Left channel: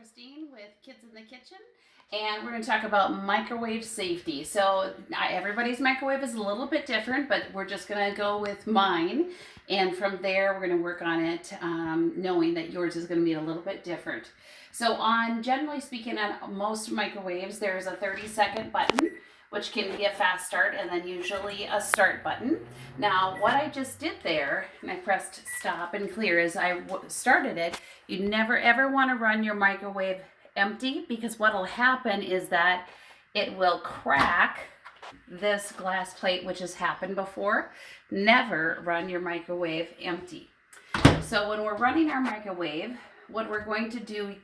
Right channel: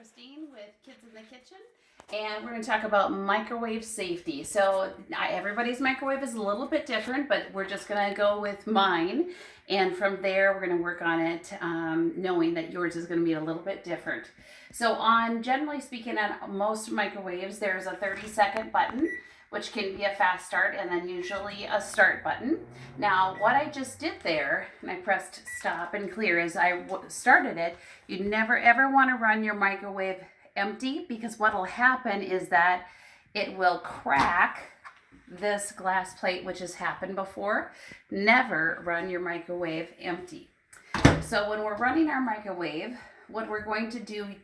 Christine with Kids in the Kitchen, and we're going to talk about microwave safety. So everybody's microwave is a little bit different, but we're just going to go with mine, and from there we're going to work on it, knowing that yours is going to be a little bit different. So generally speaking, on most microwaves there's a 30-second button, which can be a fast start, and then usually a start button. Now, what I just did there, and I pressed stop and clear as I started it, you never ever want to run your microwave empty, because what will happen is that it will crack this glass plate, which has happened before. Never run your microwave empty. So when we're running our microwave, what we're going to do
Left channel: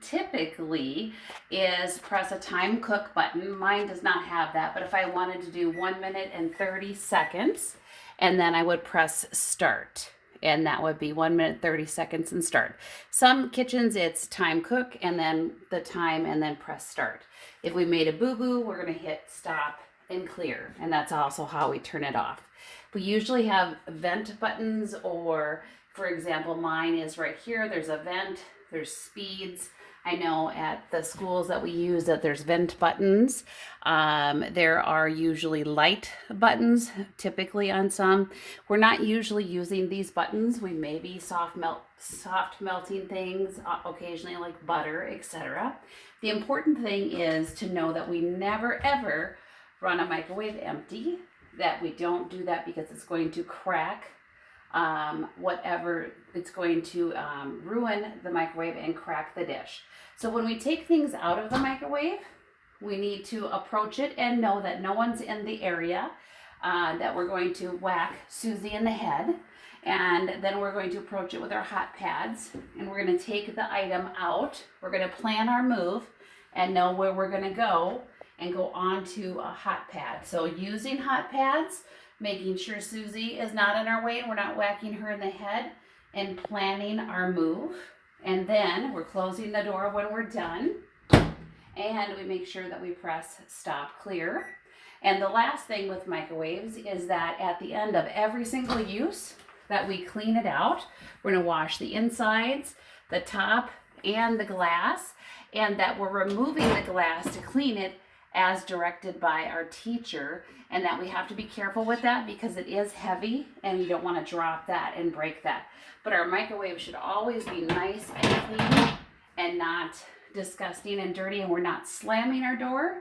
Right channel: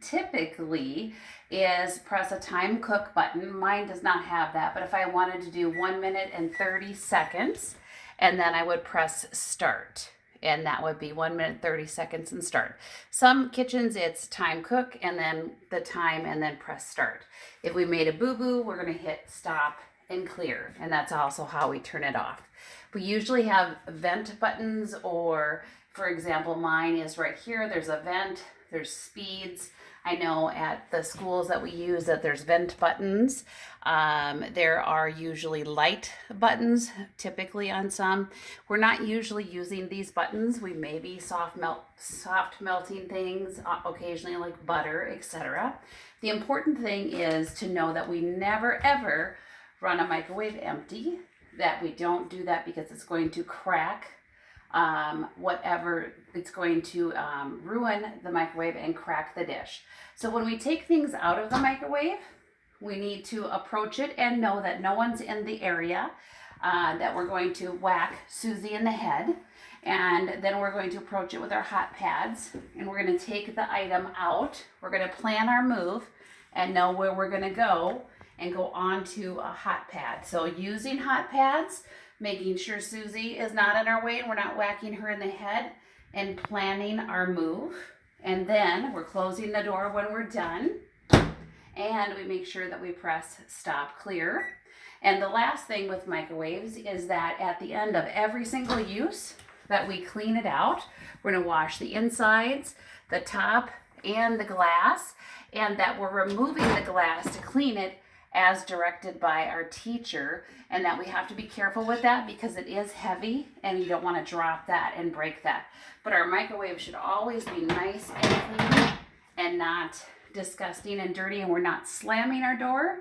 typically is press a time cook button. Mine does not have that, but if I wanted to do 1 minute and 30 seconds, and then I would press start, and that would be 1 minute 30 seconds and start. Some kitchens it's time cook and then the time and then press start. If we made a boo-boo, we're going to hit stop and clear, and that's also how we turn it off. We usually have vent buttons, or for example, mine is right here. There's a vent, there's speeds. I know at the schools that we use that there's vent buttons. There are usually light buttons, typically on some. We're not usually using these buttons. We may be soft melting things, occasionally like butter, etc. The important thing is to know that we never ever run a microwave empty, that we don't do that because it's going to crack whatever, it's going to ruin the microwave and crack the dish. So when we take things out of the microwave, we need to approach it and know that no one's in the area, that we're going to whack Susie in the head, and then we're going to approach it with our hot pads, and we're going to take the item out. We're going to plan our move and know where we're going to go and go onto a hot pad. So using hot pads, making sure Susie is not in our way and we're not whacking her in the head, and planning our move. And then we're closing the door when we're done, and we make sure that we press stop clear. And the last thing with microwaves is that at the end of every single use that we clean it out. We're going to wash the insides, the top, and the glass, and that we're removing the glass to clean it as directed by our teacher, and that we have to be careful with that because it is heavy and you don't want to drop that and break that. But our microwave should always be nice and clean and not disgusting and dirty, and we're not slamming our door.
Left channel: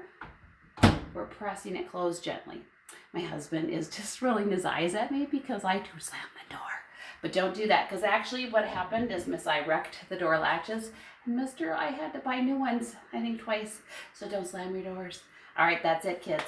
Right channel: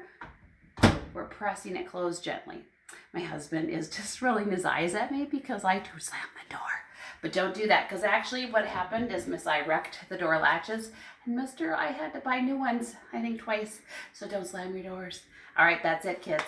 We're pressing it closed gently. My husband is just rolling his eyes at me because I do slam the door. But don't do that, because actually what happened is Miss I wrecked the door latches, and Mr. I had to buy new ones, I think twice. So don't slam your doors. All right, that's it, kids.